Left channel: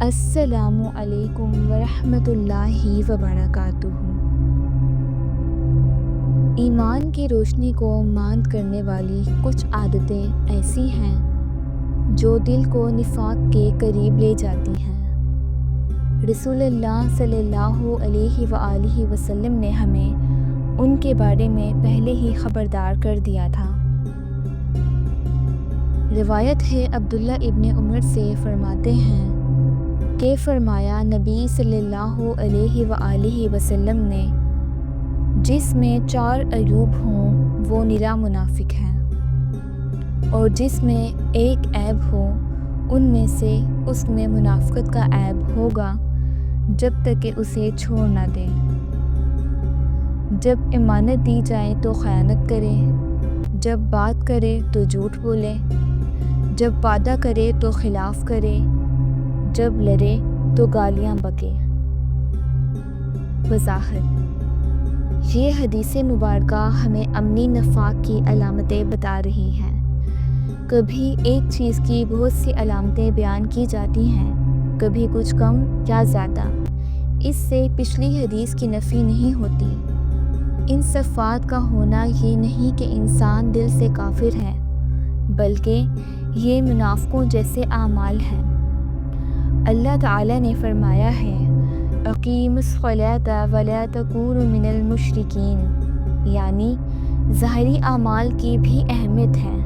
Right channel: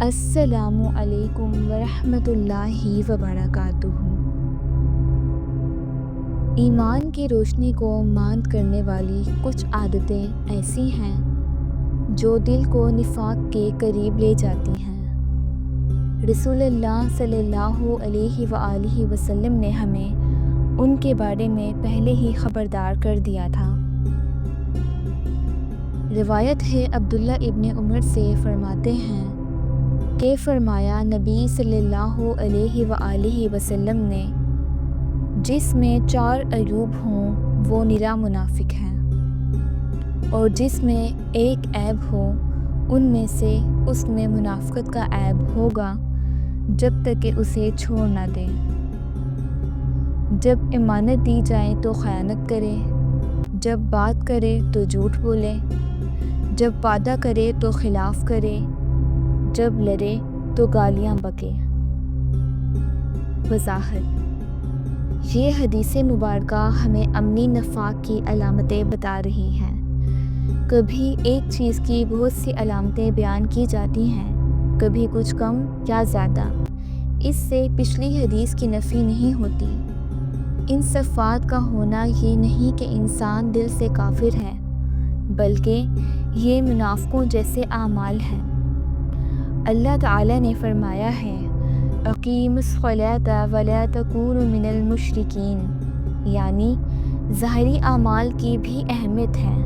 السلام علیکم ورحمۃ اللہ وبرکاتہ۔ ایمان کی روشنی کو ماند کرنے والی کچھ عادتیں ایسی ہیں جو دل کو نفاق کے قریب لے جاتی ہیں۔ رسول اللہ صلی اللہ علیہ وآلہ وسلم نے ہمیں ان کے بارے میں پہلے ہی خبردار کر دیا تھا۔ روایت ہے عبداللہ ابن عمر سے، فرماتے ہیں کہ فرمایا نبی صلی اللہ علیہ وآلہ وسلم نے، جس میں 4 عیوب ہوں وہ نرا منافق ہے، اور جس میں ایک عیب ہو ان میں سے اس میں منافقت کا عیب ہوگا جب تک کہ اسے چھوڑ نہ دے۔ جب امانت دی جائے تو خیانت کرے، جب بات کرے تو جھوٹ بولے، جب وعدہ کرے تو خلاف کرے، جب لڑے تو گالیاں بکے۔ وضاحت: یہ حدیث مبارکہ ہمیں عملی نفاق کی علامتیں بتا رہی ہیں۔ کبھی ایک چیز کی بہت سی علامتیں بیان کی جاتی ہیں، کبھی کچھ کم یا زیادہ۔ اس سے پچھلی حدیث کی نفی نہیں ہوتی۔ ان صفات کا ہونا یہ نہیں کہ انسان دل سے کافر ہے، بلکہ یہ منافقوں جیسے اعمال ہیں۔ اللہ تعالیٰ نے فرمایا ہے، اقیموا الصلاۃ ولا تکونوا من المشرکین، یعنی ظاہری اعمال کی بھی اہمیت ہے۔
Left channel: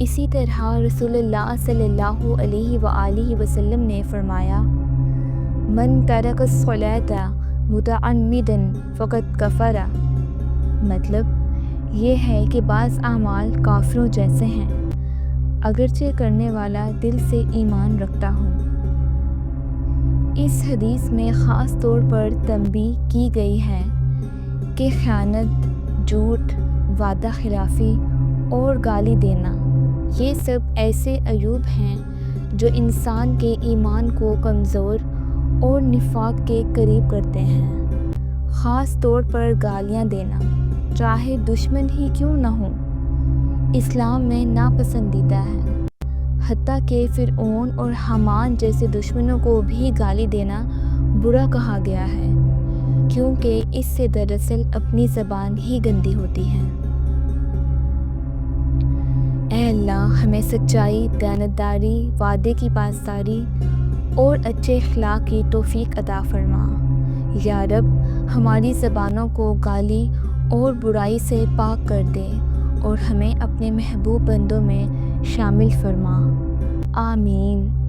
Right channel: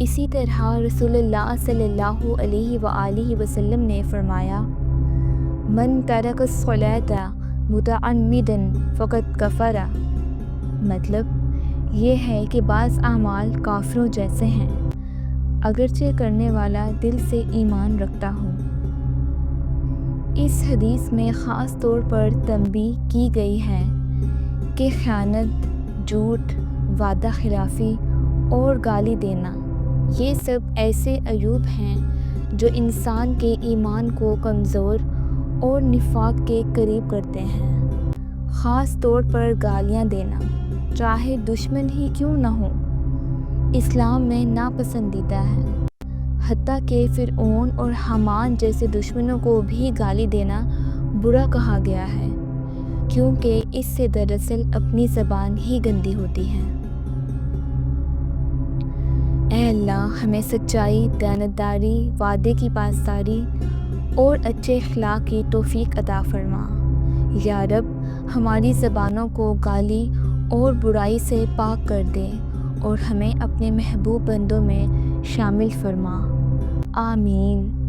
اسی طرح رسول اللہ صلی اللہ علیہ وآلہ وسلم نے فرمایا، من ترک الصلاۃ متعمدا فقد کفر۔ مطلب یہ ہے کہ بعض اعمال کافروں جیسے ہیں، اگرچہ کرنے والا دل سے ایمان رکھتا ہو۔ اس حدیث میں خاص طور پر تنبیہ کی گئی ہے کہ خیانت، جھوٹ، وعدہ خلافی اور گالی دینا، یہ سب ایسے عیوب ہیں جو انسان کے ایمان کو کمزور اور نفاق کے قریب کرتے ہیں۔ خاص طور پر گالیاں دینا، چاہے دشمن ہی کیوں نہ ہو، اسلام میں ناپسندیدہ ہے۔ حتیٰ کہ فرعون اور حامان جیسے دشمنوں کو بھی گالی دینا برا کہا گیا ہے، کیونکہ اس سے دراصل اپنی زبان ہی گندی ہوتی ہے۔ اے اللہ، ہمیں سچائی، دیانتداری، وعدے کی پاسداری اور اچھے اخلاق کی توفیق عطا فرما۔ یا رب، ہماری زبانوں کو گالی اور برائی سے پاک کر دے اور ہمیں اپنے محبوب بندوں میں شامل فرما۔ آمین۔